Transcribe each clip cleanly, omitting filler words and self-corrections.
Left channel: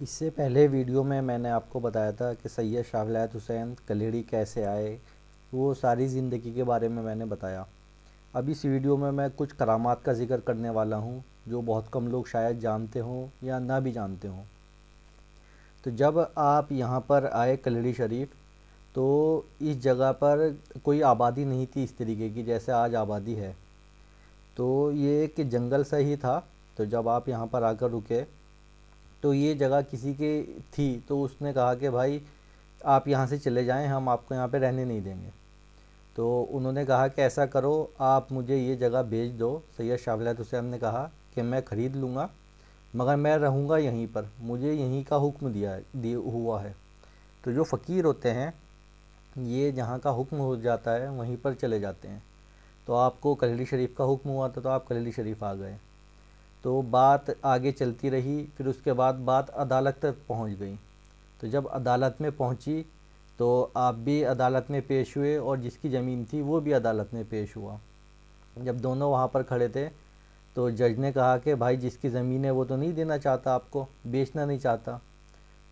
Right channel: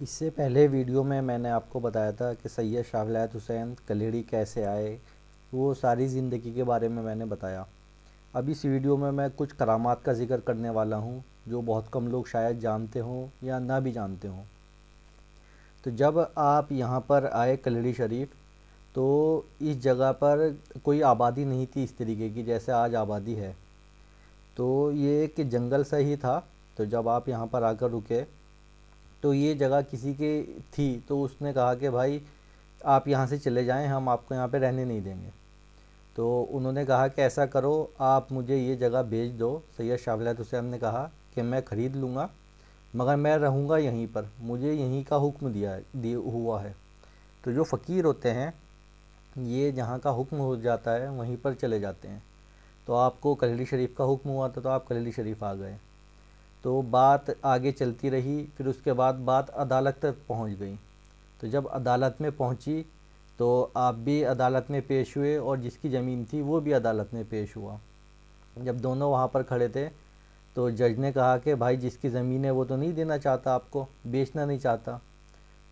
इससे पहले वीडियो में मैंने आपको बताया था कि सैयद शाह वलायत हुसैन कलीड़ी कैसे आए, वो सारी ज़िंदगी के बारे में मैंने बताया। अब इस वीडियो में मैं कुछ करामात का ज़िक्र करने वाला हूँ जो बहुत कम लोग शायद जानते हों या ना भी जानते हों। तो जब आप यहाँ पर आए कलीड़ी शरीफ, तो इस जगह पर कोई आबादी नहीं थी इस तरीके की जैसे आज आबादी है। तो ये एक जंगल सा ही था। तो जब आप यहाँ पर आकर रुके तो ये जगह किसी के थी, तो उसने कहा कि भाई आप यहाँ से चले जाएं, हम आपको यहाँ पे रहने नहीं देंगे। तो उन्होंने कहा कि ऐसा करो, आप मुझे ये जगह बेच दो। सैयद शाह वलायत हुसैन ने कहा कि मैं ख़रीद लूँगा, मगर मैं रहूँगा यहीं पर, मुझे यहीं का हुक्म दिया हुआ है। तो जो फ़कीर होते हैं, ये जहाँ का हुक्म हो जाता है वहीं पर चले जाते हैं। तो आपको कलीली शरीफ का हुक्म हुआ था तो आप कलीली शरीफ आ गए। तो बात आगे चलती रही, फिर उसके बाद बात अदालत तक पहुंच गई। तो जब अदालत में पहुंची तो आप भी अदालत में पेश हुए और जिसकी ज़मीन थी वो भी अदालत में पेश हुआ। जब दोनों वहाँ पर खड़े थे तो जज ने कहा कि भाई जिसकी ज़मीन है वो तो नहीं देना चाहता, आपको बेचना नहीं चाहता,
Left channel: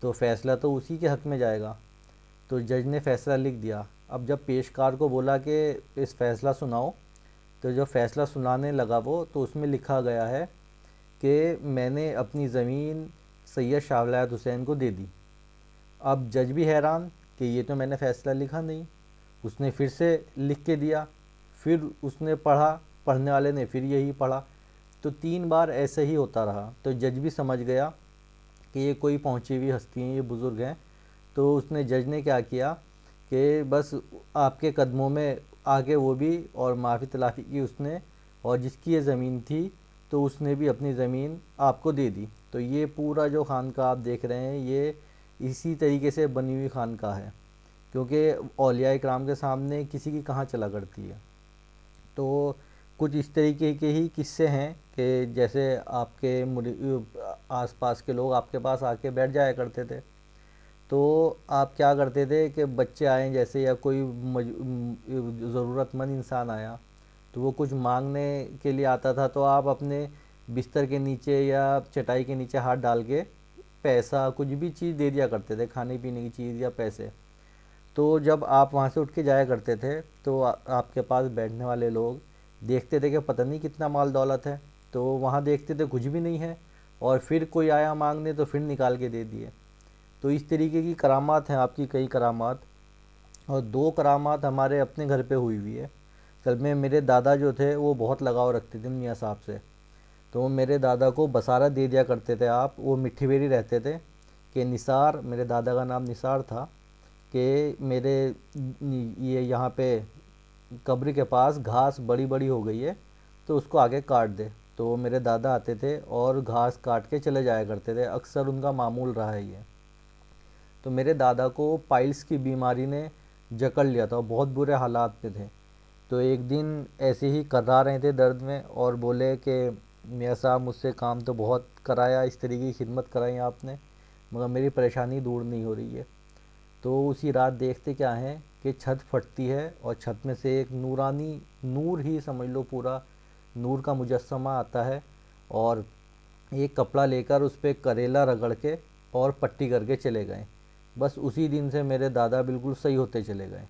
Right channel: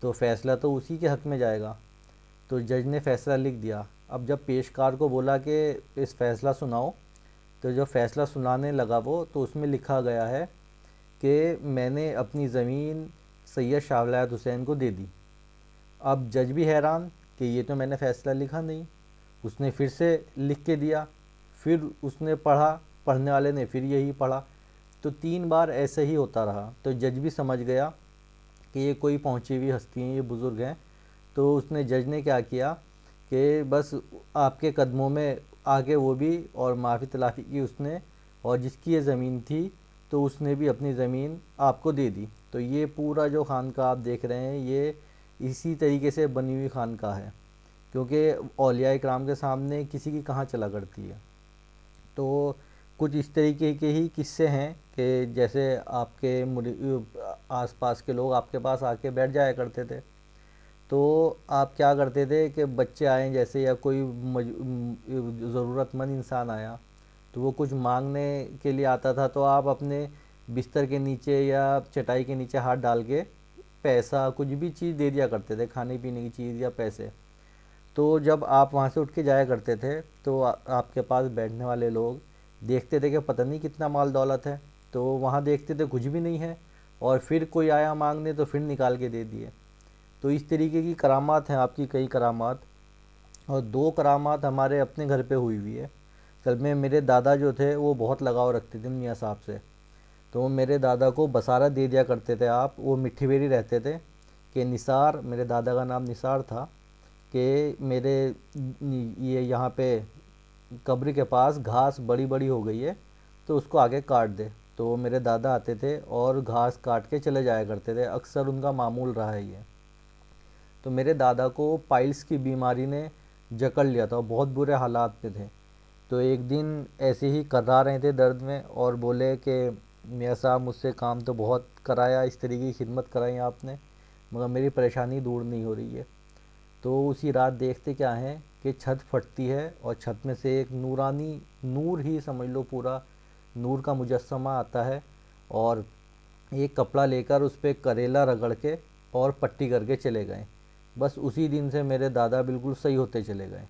तो फ़ैसला तो उसी के हक़ में जाएगा। तो जज ने फ़ैसला लिख दिया। अब जब पेशकार को बोला कि इस फ़ैसला सुनाओ, तो जब फ़ैसला सुनाने लगा वो, तो उसमें लिखा गया है कि मैंने अपनी ज़मीन सैयद शाह वलायत हुसैन को दे दी। अब जज भी हैरान कि ये तो मैंने फ़ैसला लिखा नहीं। उसने फिर से लिख के दिया, फिर उसने पढ़ा, पढ़ने वाले ने फिर यही पढ़ा। तो 3 बार ऐसे ही होता रहा। तो जज भी समझ गया कि ये कोई पहुंची हुई हस्ती हैं, ये बुज़ुर्ग हैं। तो उसने जज ने क्या किया कि बस आपके कदमों में आके वो भी और माफ़ी तलाफ़ी की उसने, और जिसकी ये ज़मीन थी तो उसने भी अपनी ज़मीन आपको दे दी। तो ये पूरा जो खानका आप देख रहे हैं, ये इसी तरीके से बनी हुई खानका है, क्योंकि औलिया इकराम के सामने किसी की कहाँ चला करती है। तो कुछ इस तरीके के ही किस्से हैं कि जैसे आपके आसपास के लोग आपके पास आके बैठ जाया करते थे। तो आप क्या करते थे कि बच्चे आए जैसे, या कोई ज़रूरतमंद इंसान आया तो वो कुछ मांगने के लिए आता था, तो आप अपने बिस्तर के नीचे या चटाई के नीचे हाथ डाल के पैसा कुछ भी चीज़ दे दिया करते थे, खाने पीने की चीज़ या पैसे। तो जब आप वहाँ से उठ के जाया करते थे तो आपके पास बैठने वाले लोग देखते थे कि पता नहीं कितना माल दौलत है, तो वहाँ देखते थे कुछ भी नहीं है, और फिर कोई आया मांगने तो फिर निकाल के दे दिए। तो इस तरीके की करामात हैं आपकी, कई करामात। और 2 करामात हमारे अपने घर पे हुई हुई है। कल में मेरे दादा जो थे वो बहुत लगाव रखते थे मियाँ साहब से। तो वो मेरे दादा को बसारा दे दिया करते थे। आप वो मिट्टी बेरी रहते थे कि निसार, मेरे दादा का नाम निसार था, कि मेरे ये यहाँ पे कब्र के पास घास बड़ी बड़ी हो गई है तो उसको आगे काट दे। तो मेरे दादा आते थे और घास काट के चले जाया करते थे, अक्सर उनका मामूल रहा है ये। तो मेरे दादा को पाइल्स की बीमारी ने जकड़ लिया था और बहुत बुरे हालात में थे। तो एक दिन ऐसे ही कर्रा रहे थे दर्द में और बोले कि मियाँ साहब मुझसे काम तो बहुत कराया, इस तरीके की खिदमत कराई आपने, मगर मेरी परेशानी दूर नहीं हो रही है। तो उसी रात देखते क्या है कि छत फटती है और छत में से एक नूरानी, नूर ही समझ लो, पूरा नूर का मुजस्समा आता है, और एक कपड़ा लेकर उस पर करेला रगड़ के और पट्टी करके चले गए। बस उसी दिन से मेरे दादा बिल्कुल सही होते चले गए।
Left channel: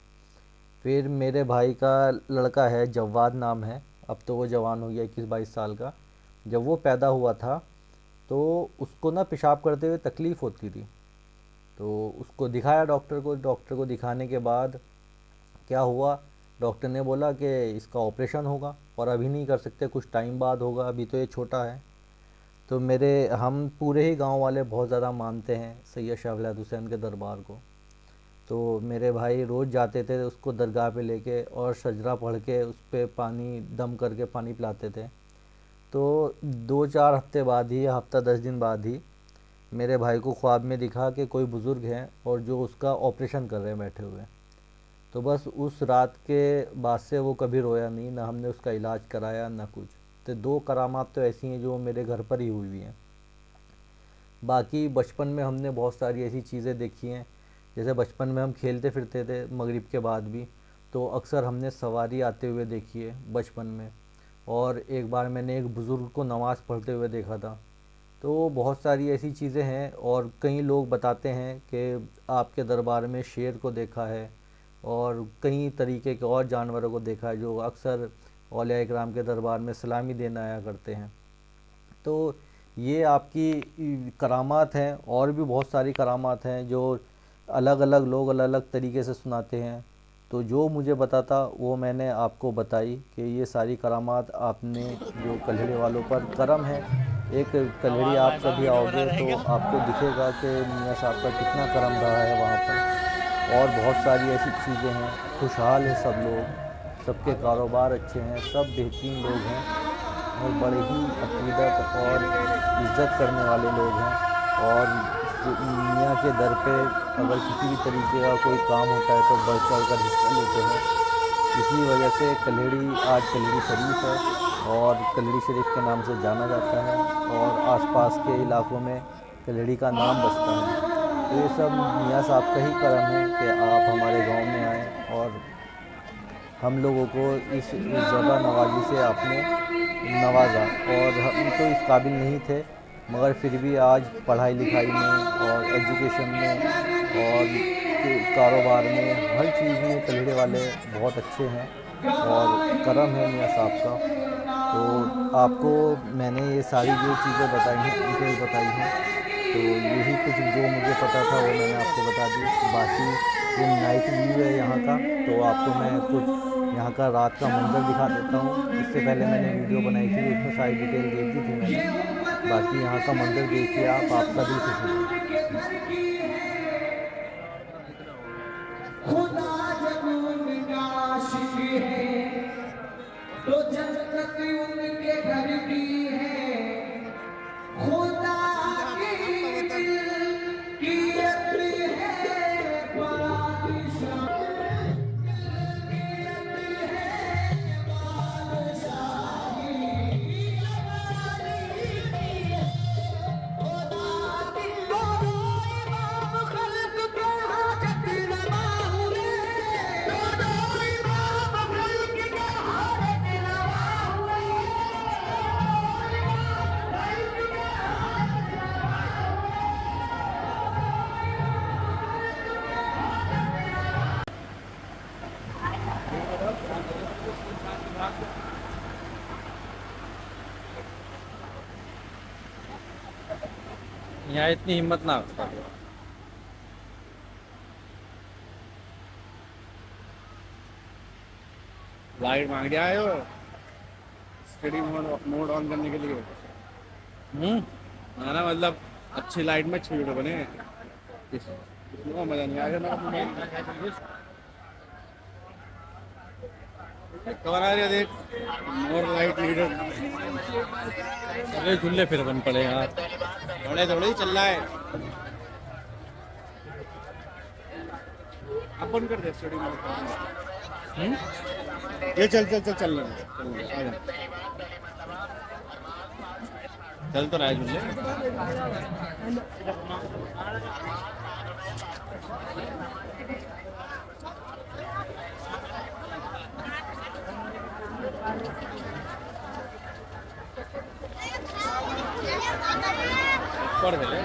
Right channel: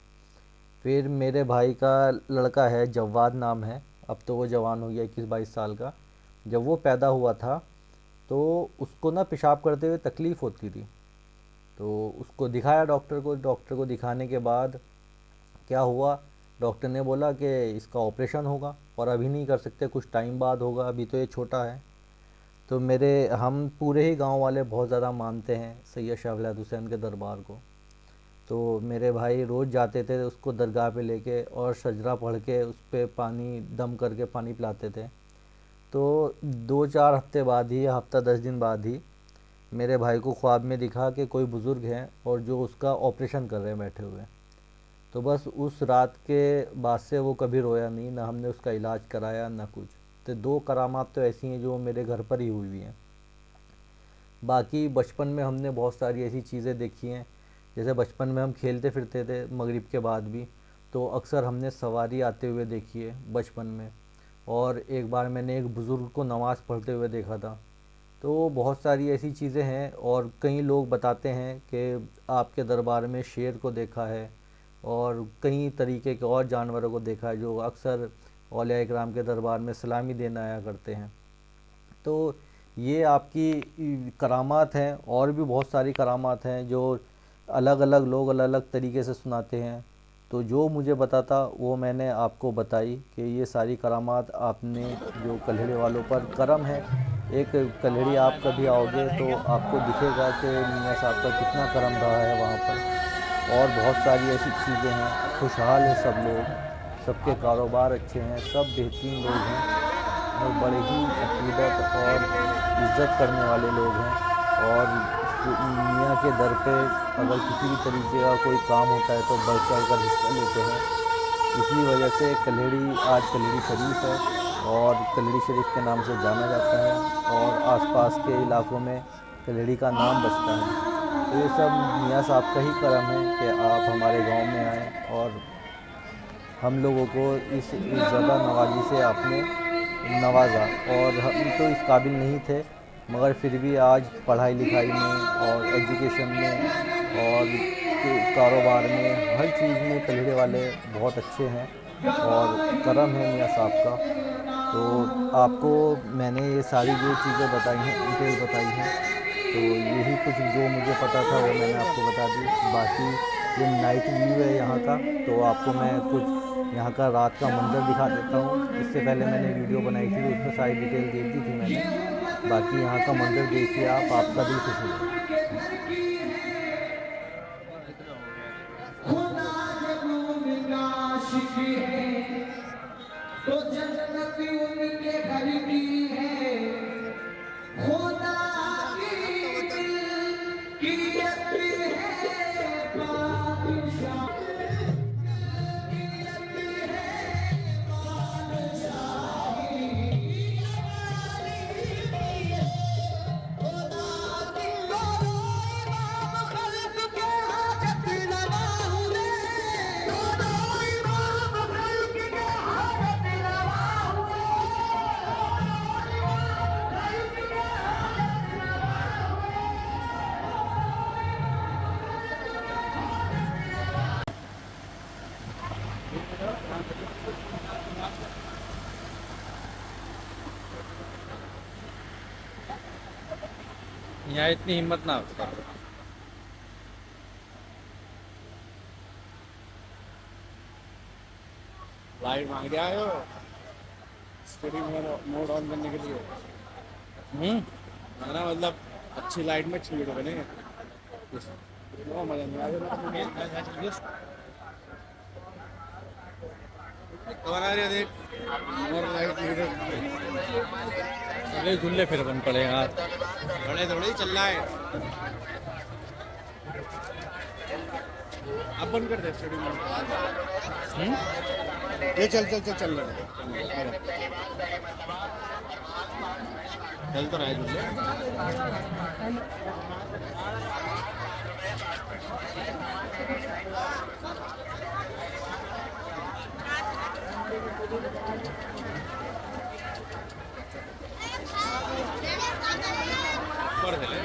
फिर मेरे भाई का लड़का है, जवाद नाम है, अब तो वो जवान हो गया 21-22 साल का। जब वो पैदा हुआ था तो उसको ना पेशाब करते हुए तकलीफ़ होती थी। तो उसको दिखाया डॉक्टर को। डॉक्टर को दिखाने के बाद क्या हुआ, डॉक्टर ने बोला कि इसका ऑपरेशन होगा और अभी नहीं कर सकते, कुछ टाइम बाद होगा, अभी तो ये छोटा है। तो मेरे हम पूरे ही गांव वाले बहुत ज़्यादा मानते हैं सैयद शाह वलायत हुसैन के दरबार को। तो मेरे भाई रोज़ जाते थे उसको दरगाह पे लेके और शजरा पढ़ के उस पर पानी दम करके पानी पिलाते थे। तो 2-4 हफ्ते बाद ही, या हफ्ता 10 दिन बाद ही, मेरे भाई को ख्वाब में दिखा कि कोई बुज़ुर्ग हैं और जो उसका ऑपरेशन कर रहे हैं बैठे हुए। तो बस उस रात के बाद से वो कभी रोया नहीं, ना हमने उसका इलाज कराया ना कुछ। तो 2 करामात तो ऐसी हैं जो मेरे घर पर ही हुई हुई हैं। बाकी बचपन में हमने बहुत सारी ऐसी चीज़ें देखी हैं। जैसे बचपन में हम खेलते फिरते थे मगरिब के बाद भी, तो अक्सर हमने सवारी आते हुए देखी है बचपन में। और एक बार मैंने एक बुज़ुर्ग को नमाज़ पढ़ते हुए देखा था। तो बहुत सारी ऐसी चीज़ें हैं, और कई लोग बताते हैं कि आपके दरबार में शेर को देखा है और कई तरीके के और जानवरों को देखा है जो अक्सर औलिया इकराम के दरबार में सलामी देने आया करते हैं। तो ये आपकी करामात हैं, और भी बहुत सारी करामात हैं जो अलग अलग लोग अलग अलग तरीके से सुनाते हैं। तो जो मुझे पता था वो मैंने आपको बताई कि ये सारी करामात आपने जो कल्हड़ी वालों पर करम है। एक कल्हड़ी आप कभी आओगे तो आपको दिखेगा कि मियाँ साहब का कितना करम रहा है वहाँ पर। और बहुत सारी ऐसी चीज़ें हैं, खुशहाल है सब लोग, सबके कारोबार अच्छे हैं, सब बेहतरीन लोग हैं और बड़े ही अकीदत और इज़्ज़त करने वाले लोग हैं। और मियाँ के दर पे अगर किसी भी तरीके का कोई काम होता है तो बढ़ चढ़ कर हिस्सा लेते हैं। इसी वजह से कल्हड़ी आज कल्हड़ी शरीफ है और कल्हड़ी शरीफ के नाम से जाना जाता है, और आसपास के इलाकों में कल्हड़ी का नाम बजता है। तो ये सब मियाँ साहब का ही करम है कि आप हमारे गांव में आएँ और हम लोगों को इस ज़्यादा नवाजी से आपने नवाजा। और हम तो इस काबिल नहीं थे, मगर फिर भी आज पढ़ाई लिखाई में और एजुकेशन में और कारोबार में हर चीज़ में कल्हड़े वाले बहुत अच्छे हैं और करम है मियाँ साहब का। तो आपको मैंने ये सारी जो चीज़ें बताई हैं, डिटेल बताई हैं, तो यही कुछ जो मुझे पता था वो मैंने आपको बता दी। बाकी ये नाइट व्यू है यहाँ का, तो आपको मैं कुछ यहाँ का रात का मंज़र दिखा देता हूँ। इससे पहले मैंने वीडियो बनाई थी तो उसमें सारी डिटेल दे दी थी मैंने। बाकी यहाँ का मंज़र देखिए आप, आपका दिल खुश हो जाएगा। खुदा जब उनका आशिक है तो जन्नत उनके घर की है। खुदा की दिल की अपील है बादशाह। यहाँ इतनी हिम्मत ना करो। लाइट मांग के आए हो स्टडी मोड ऑन करने के लिए। ना मतलब अच्छी लाइट में अच्छी वीडियो बने इसमें मजा नहीं आएगा मेरा। कवर आ रही है देख, मोर लाइट वीडियो अरे धुल्ले फिर बन पड़े यार, थोड़े थोड़े ही चल रहा है। अब बंद कर दे स्टडी मोड। ये चल चल चल चल रहा है, चल तो रहा है तुझे। पढ़ ले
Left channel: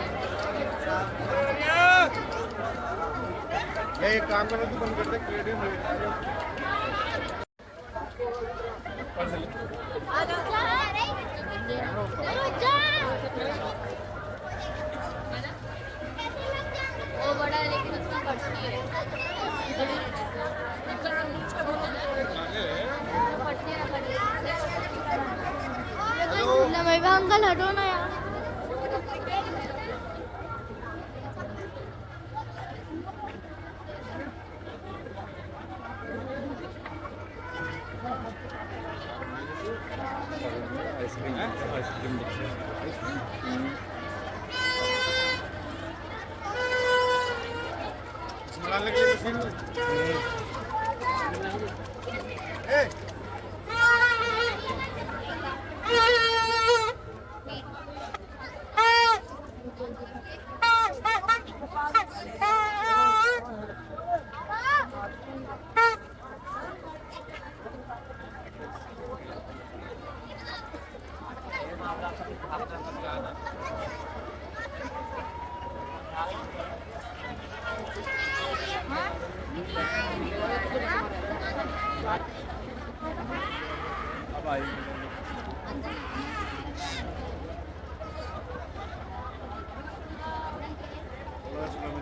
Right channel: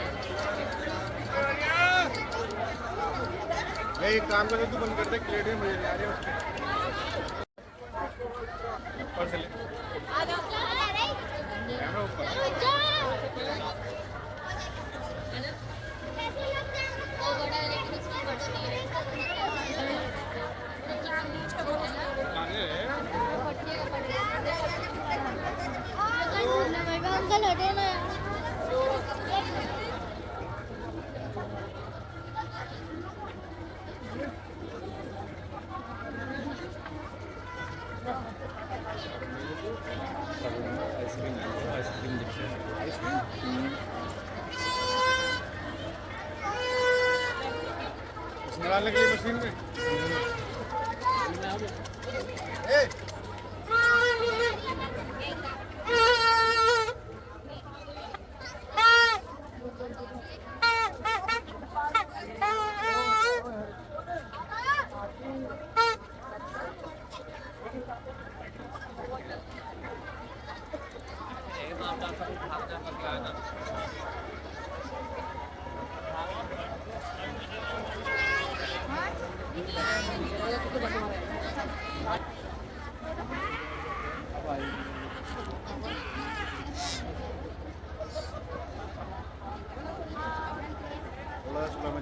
ये एक काम कर, तू बंद कर दे क्रिएटिव मिल जाएगा। पढ़ ले अंकल हटो ना यार। आइसक्रीम दिखती है। निकालने की मशीन में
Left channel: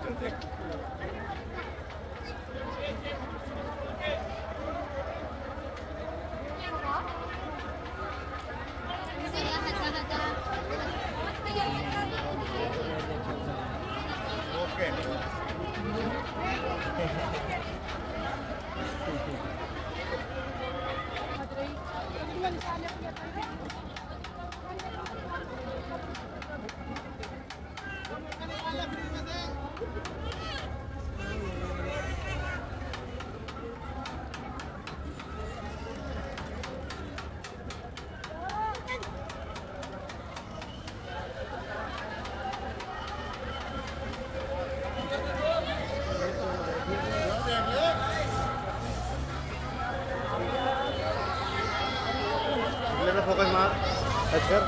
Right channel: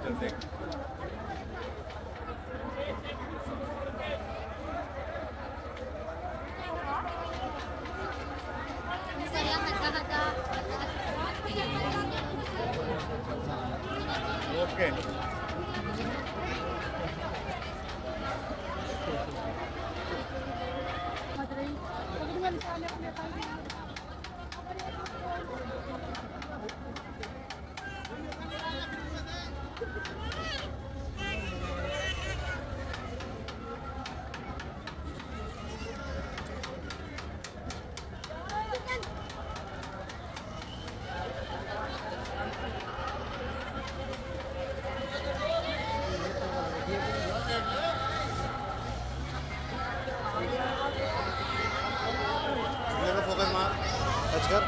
चलते ओके फोकस मार टच कर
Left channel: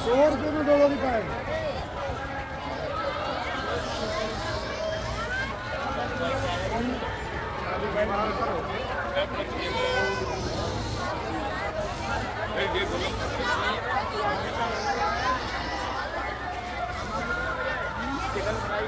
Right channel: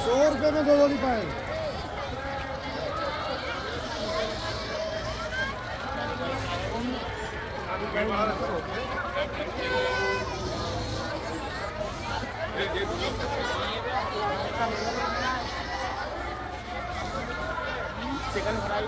100 रुपये में 2 जोड़ी पाए चिकन फ्राई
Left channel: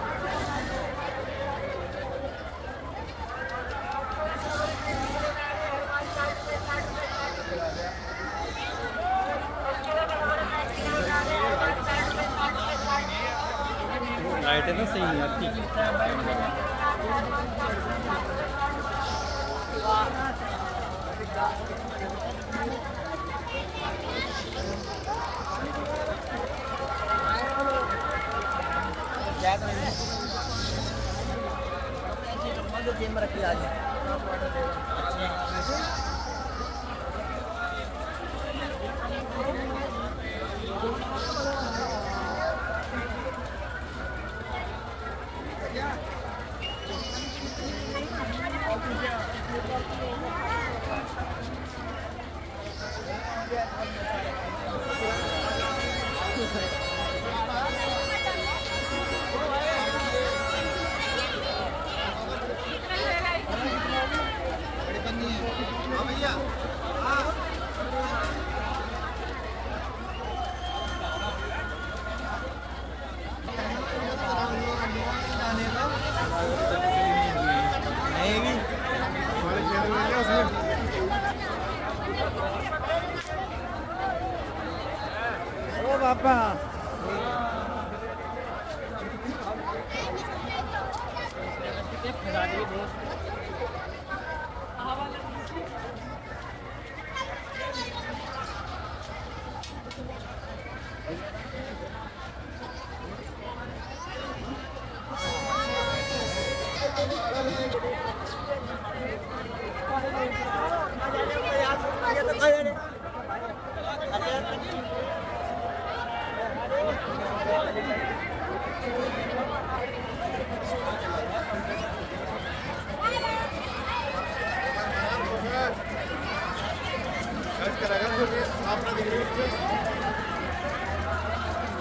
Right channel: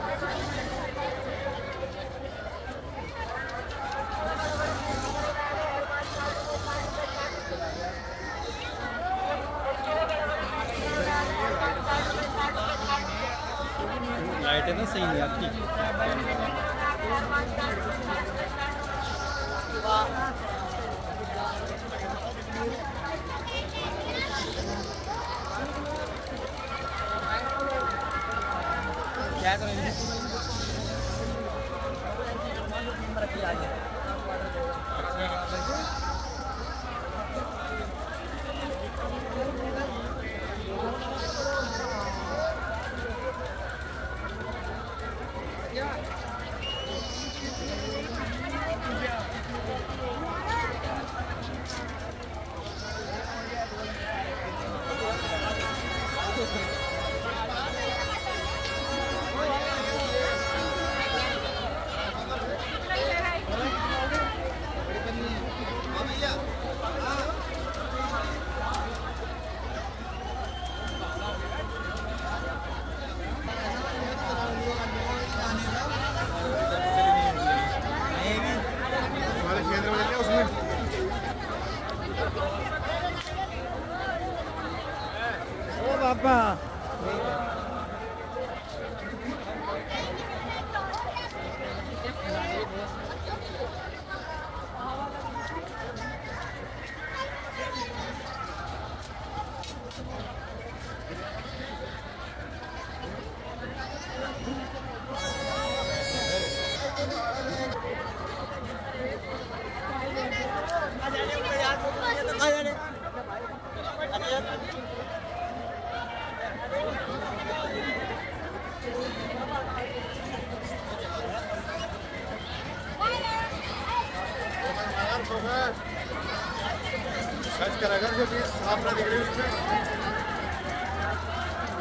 लाइट है ना सही नहीं आती क्या करेंगे ओ बापा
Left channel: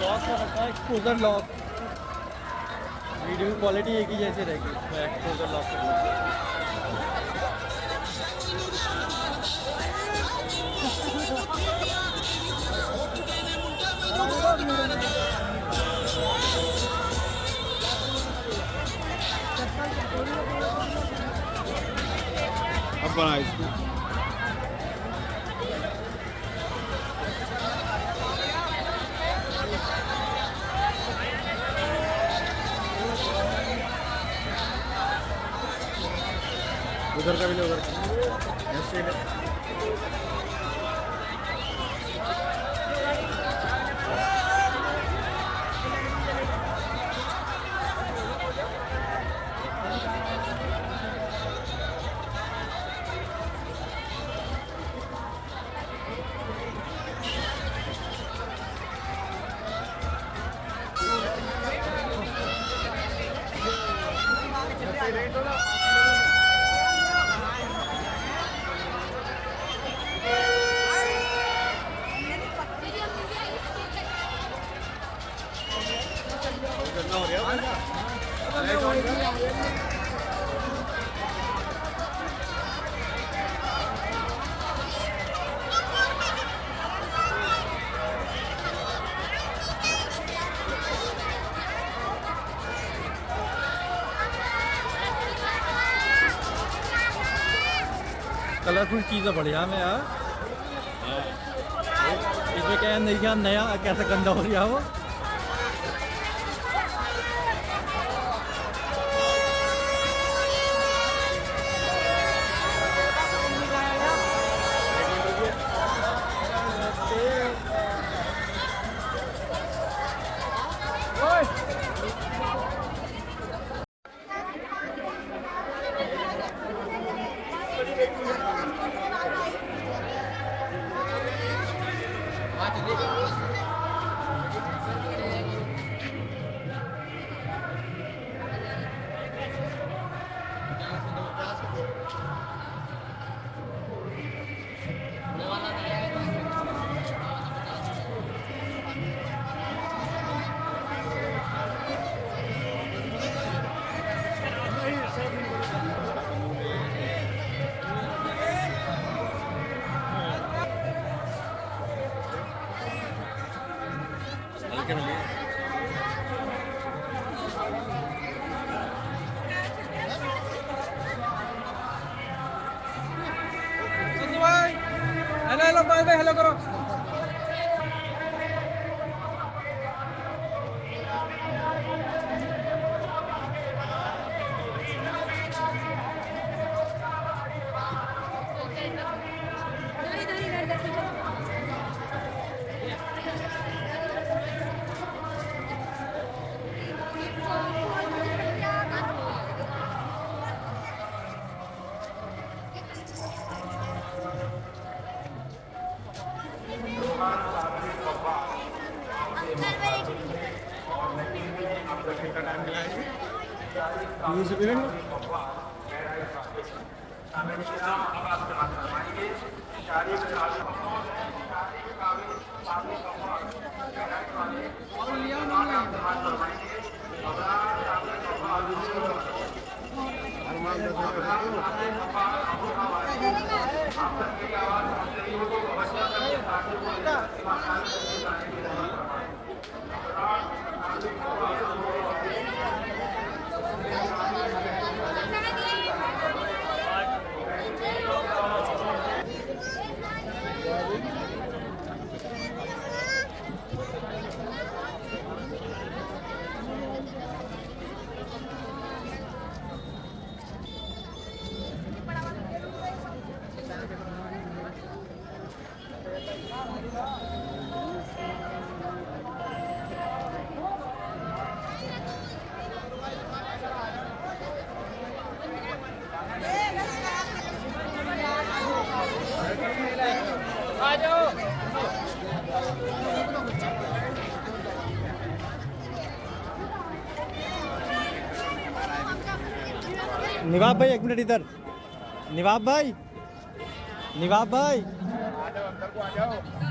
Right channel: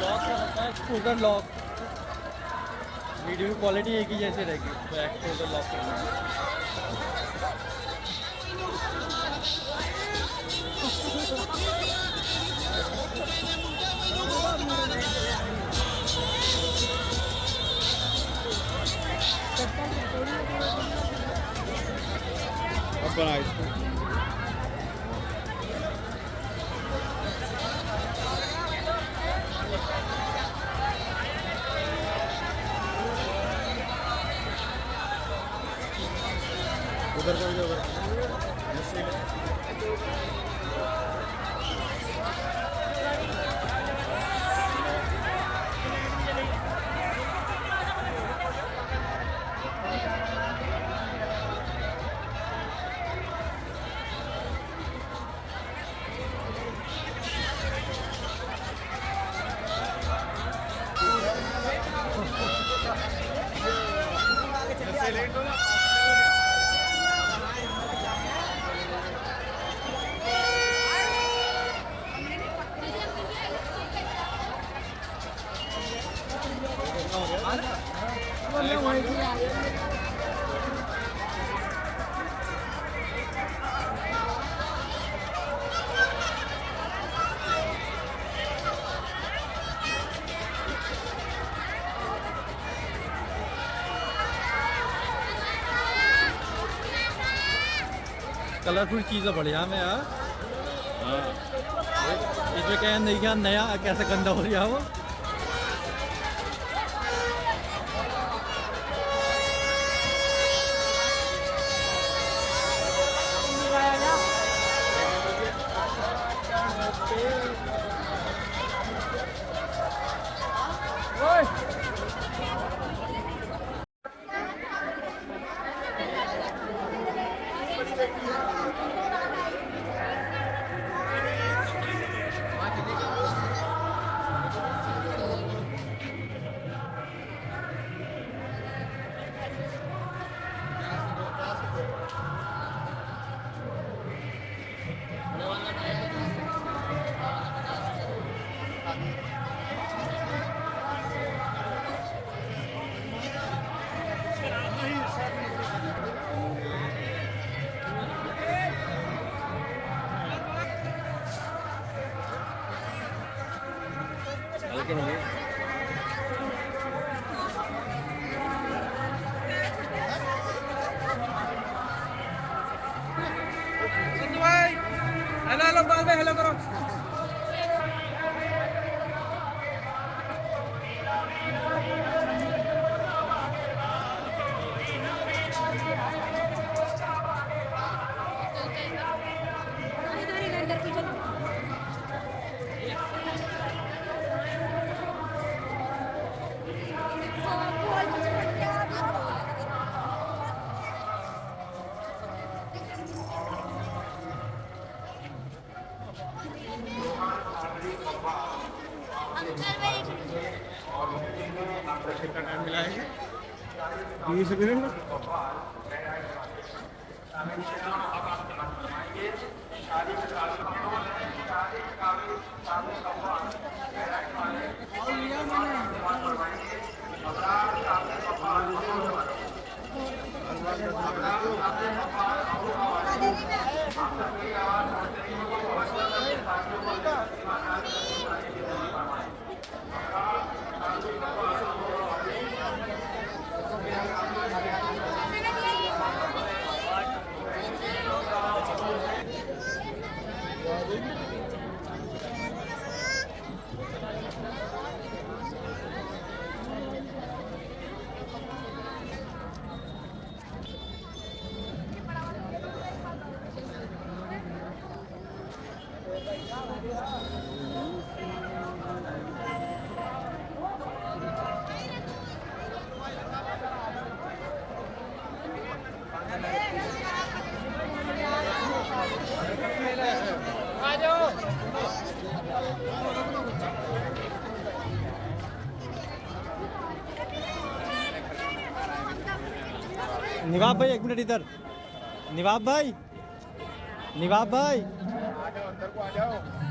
लॉक का रखा है एक्सपोजर लॉक वीडियो की क्वालिटी एक ही जैसी रहेगी तो एक्सपोजर लॉक करना अब बना इसको उधर का भी लो उधर कलरफुल चीज़ें बढ़िया में यार। इसमें क्या है, नहीं क्या नया कैसे गंदा हो गया वो। हल्के में लिए। भाई हेलो हेलो बाय हेलो करो। निवाब भाई एक मिनट इधर। निवाब भाई, निवाब भाई आ जाओ अंदर को आ जाओ।